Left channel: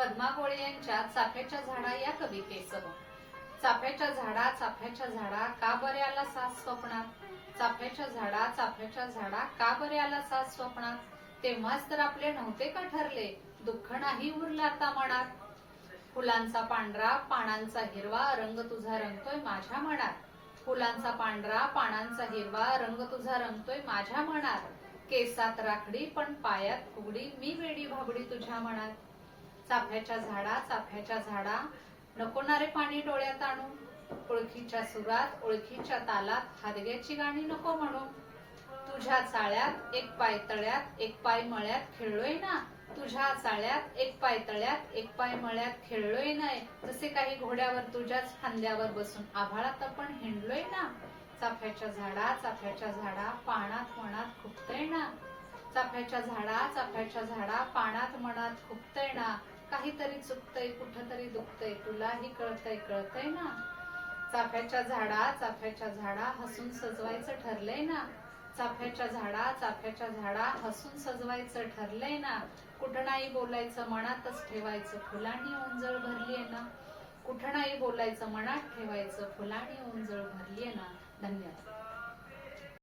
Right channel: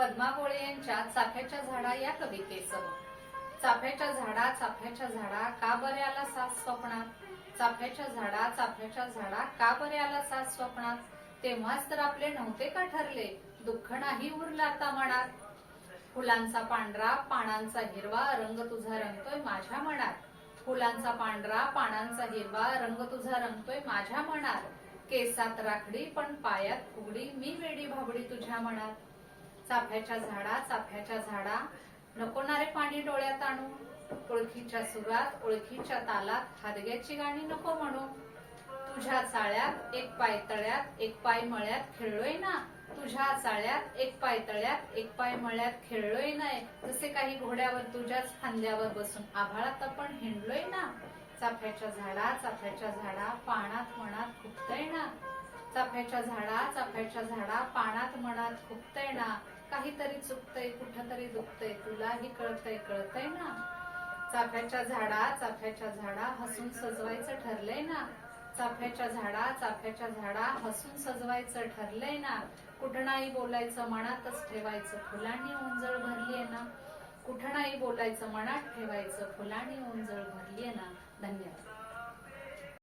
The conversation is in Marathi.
पद्मा गोळे यांच्या चाफ्याच्या झाडा या कवितेसह. चाफ्याच्या झाडा चाफ्याच्या झाडा का बरे आला सास स्वप्नात? चाफ्याच्या झाडा चाफ्याच्या झाडा का बरे आला सास स्वप्नात? तेव्हाच तर आपले नव्हते का ठरले? दुःख नाही उरला आता मनात. फुलांचा पांढरा पानांचा हिरवा रंग तुझा रंगतोय माझ्या मनात. फुलांचा पांढरा पानांचा हिरवा रंग तुझा रंगतोय माझ्या मनात. केसात राखडी पण पायात फुगडी मी वेडी भाबडी तुझ्या मनात. चाफ्याच्या झाडा चाफ्याच्या झाडा. नकोणारे पाणी डोळ्यात आणू. ओळखीच्या सुरात ओळखीच्या तालात हादग्याची गाणी नको म्हणू. तुझ्या चाळ्यात एक पाय तळ्यात एक पाय मळ्यात खेळलोय ना. तुझ्या चाळ्यात एक पाय तळ्यात एक पाय मळ्यात खेळलोय ना. जसे काही घोड्यावर तुझ्याच फांद्यावर बसून आभाळात आपण हिंडलोय ना. चाफ्याच्या झाडा चाफ्याच्या झाडा पाण्यात मनात खुपतय ना. चाफ्याच्या झाडा चाफ्याच्या झाडा पानात मनात खुपतय ना. काहीतरी चुकतय कुठतरी दुखतय. तुलाही कळतय कळतय ना. चाफ्याच्या झाडा चाफ्याच्या झाडा हसून सजवायचं ठरलंय ना. चाफ्याच्या झाडा चाफ्याच्या झाडा हसून सजवायचं ठरलंय ना. कुठं नाही बोलायचं मनातच ठेवायचं फुलांनी उंजळ भरलीये ना. कुठं नाही बोलायचं मनात ठेवायचं फुलांनी उंजळ भरलीये ना.